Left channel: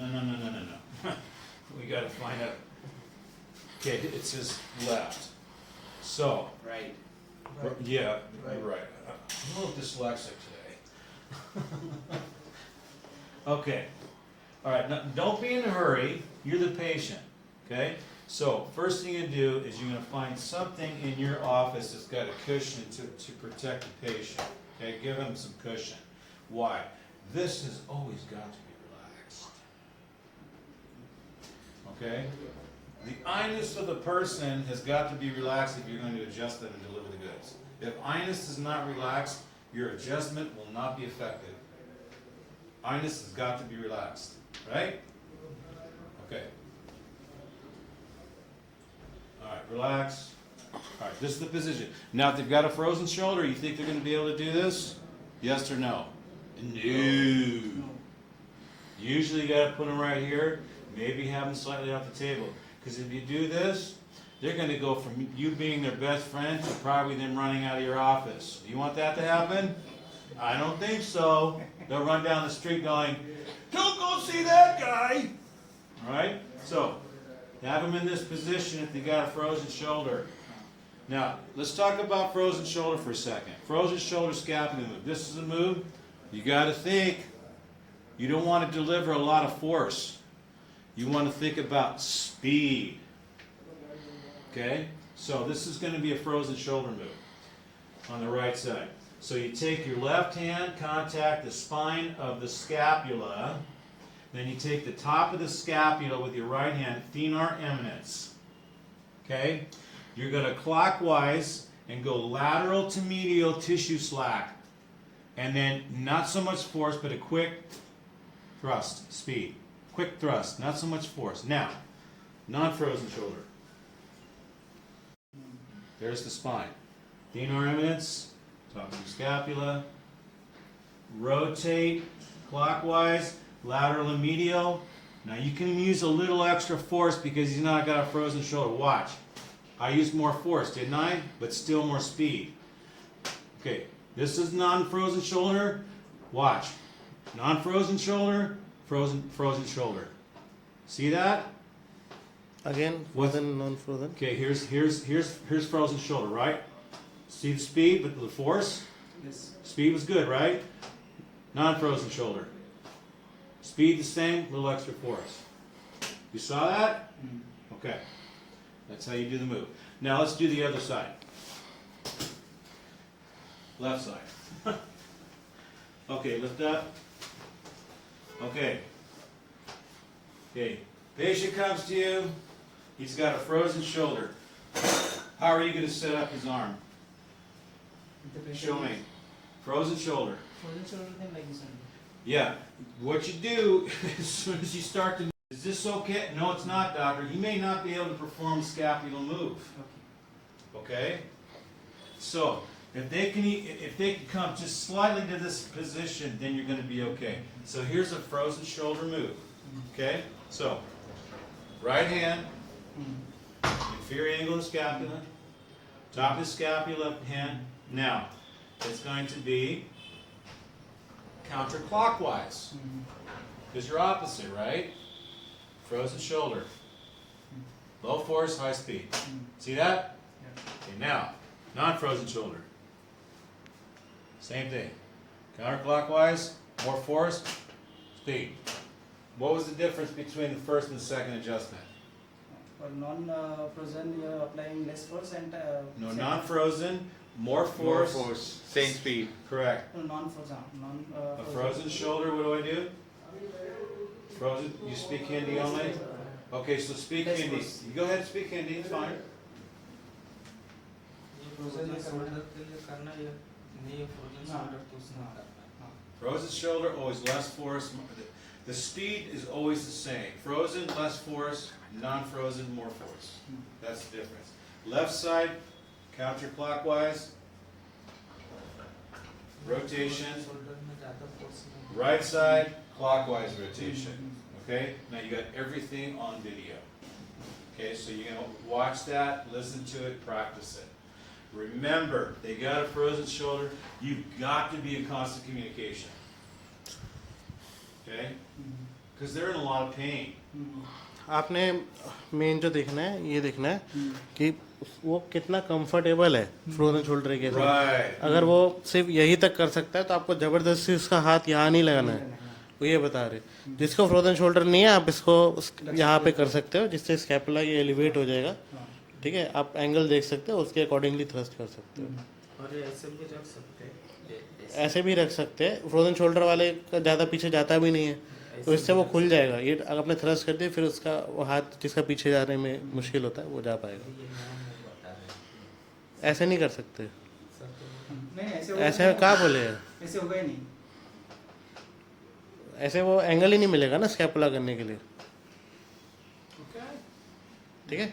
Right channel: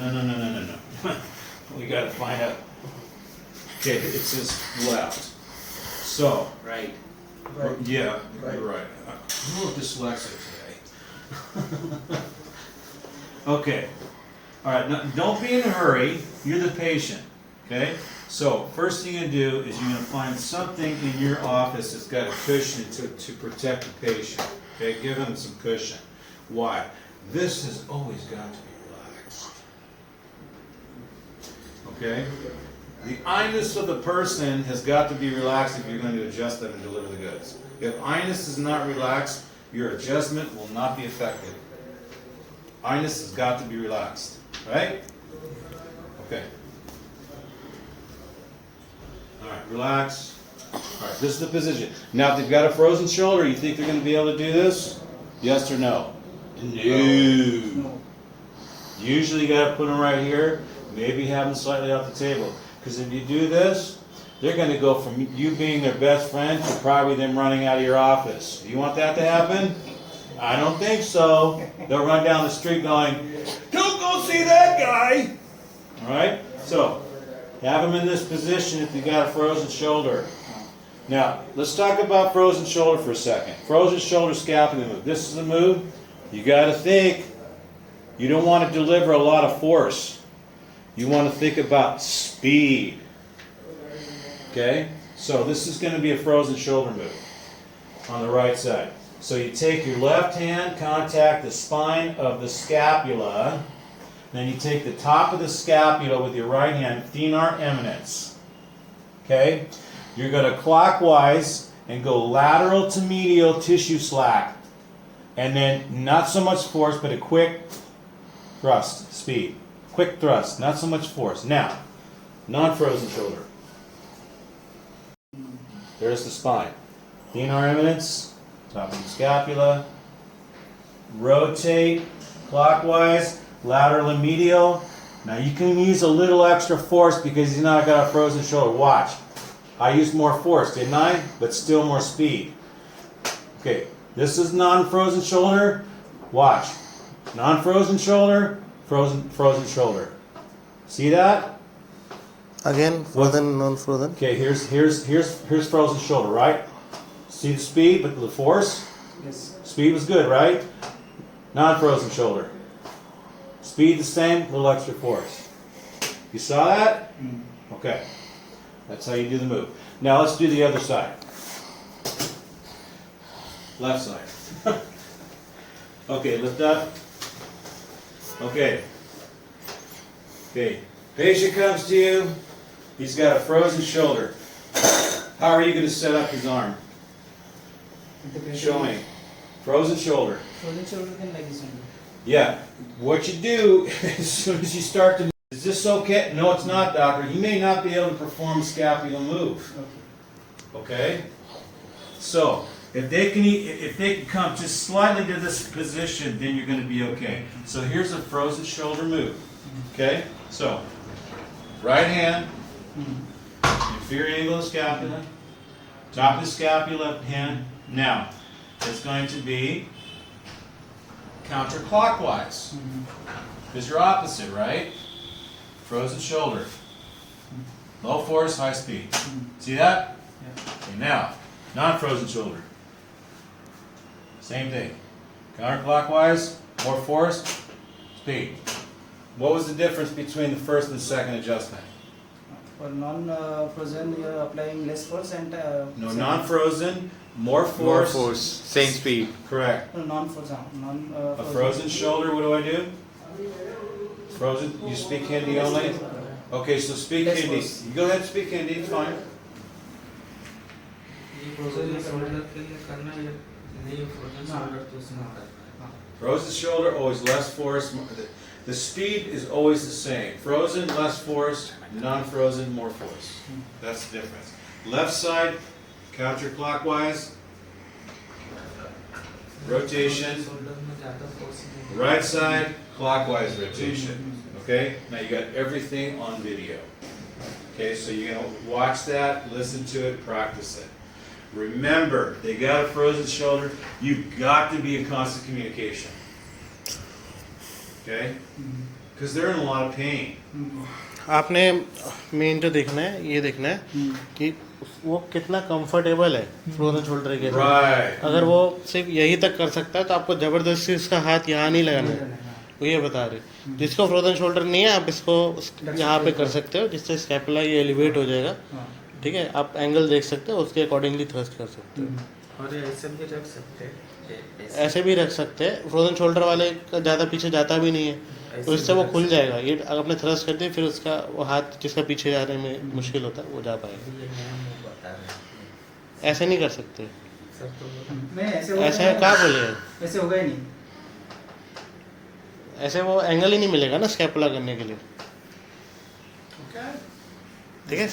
No. We got to find out. Okay, it says left. So, Right. yeah, right. I'm a little dyslexic today. Okay. All right, now, don't be in a hurry. You're the patient, okay? So, first thing you do is you're going to find something in your office that's got a cushion to protect the patient, okay? Give them some cushion. Why? This has always got to be relaxed, okay? The I-ness of the person has got to be relaxed if you're going to adjust them and deliver the goods. If I-ness is not relaxed, your adjustment will not be effective. I-ness has got to be relaxed, right? Okay. All right, relax. All right, this is the position. Now, if they've got a frozen shoulder, you think they're going to be able to do this? Yes or no? No. Usually you got to put them right here. Maybe have them slightly off the table. Because if you do this, they're going to go from you being their best friend to probably them running out of your office. You want that to happen? I don't think so. They'll run down the street going, "Don't go see that guy." All right? So, have them in this position if you got a frozen shoulder. Now, let's talk about frozen shoulder for a second. Frozen shoulder scapula move. This is a move. You got to think. You don't want to deliver a lot of force. You want to think about speed. Okay? So this is going to be a frozen shoulder move on the right side. So you take your left hand, contact the spine of the scapula. Then you take the top of the scapula with your right hand, thenar eminence. Okay? You're going to clockwise and go lateral to medial tissue slack. And then not so much force, but a quick thrust, speed. Quick thrust, not so much force. Now, non-frozen shoulder. There's the spine. Thenar eminence, top of the scapula. Rotate clockwise, lateral and medial. Now you can use a little extra force because he's not got a frozen shoulder. Watch. I used more force, didn't I? But still more speed. Okay, this is non-frozen shoulder. Watch. Non-frozen shoulder. Frozen shoulder. See that? Again, frozen, non-frozen. Okay, here's frozen shoulder, right? See the speed, but the force? Yes. Speed was good, right? Non-frozen shoulder. Speed the same, little extra force. You saw that? Okay. That's how you do the move. Now let's do the other side. Left side. Okay, lift up. Okay. Patient comes to you. He's got a frozen shoulder. How are you going to set up his arm? Show me. Frozen shoulder. Frozen shoulder can like this only. Yeah. What you do as soon as you start to, is this okay? No, it's not, doctor. He may not be able to perform a scapular move. Okay? So, if they can come just slightly to this position, then you're going to be okay. So here's a frozen shoulder move. Okay? So, right hand, inferior angle of the scapula, top of the scapula, hand. Now, it's going to be counterclockwise. Because you're opposite, right? Frozen shoulder. Low force, high speed. See that? Okay, now, non-frozen shoulder. Same thing. Counterclockwise, more force, speed. What was the difference between the first and the second adjustment? For non-frozen, you are applying less force and. No, non-frozen, more force. More force, same speed. Correct. No, non-frozen. A frozen shoulder, what do I do? Frozen, you speak Hindi only? Okay, so speak Less Hindi. force. Go ahead, speak Hindi, it's fine. Frozen shoulder, always less force. The speed is always the same. Frozen, less force. Non-frozen, more force. That's the difference. Left side, counterclockwise. Rotation. Right side, clockwise rotation. Okay? Now you got everything on video. Okay, so you're going to watch that, listen to it, practice it. Remember, they got a frozen shoulder. You've got to be in constant communication. Okay? because they're in a lot of pain. आपने main जो देखना है ये देखना है कि वो कितना कंफर्टेबल है फ्रोजन शोल्डर के लिए। Right. अगर वो सिर्फ यही तक कर सकता है तो आपको जबरदस्ती उसका हाथ यहाँ नहीं लगाना है, वो ये बता रहे। जिसको फ्रोजन शोल्डर नहीं है आप इसको यहाँ पे कर सकते हो, जिससे स्कैपुला ये एलिवेट हो जाएगा। ठीक है, आप एंगल देख सकते हो, उसके अकॉर्डिंगली थ्रस्ट कर सकते हो। और ऐसे भी रख सकते हैं, ऐसे भी रख सकते हैं, फ्रोजन शोल्डर वाले का ज़्यादा पीछे जाता भी नहीं है तो इससे वो खुल जाएगा। ये अगर आपने थ्रस्ट कर दिया फिर उसका वो हाथ जिसका पीछे जाने में मुश्किल होता है वो जा पाएगा। ये नया मुंह बता रहे हैं ऐसे नहीं कर सकते, सब तो नहीं ऐसे कहाँ बोलेगा, ऐसे होगा ही नहीं। ऐसे वो एंगल ही नहीं मिलेगा ना स्कैपुला करने के लिए। ठीक है।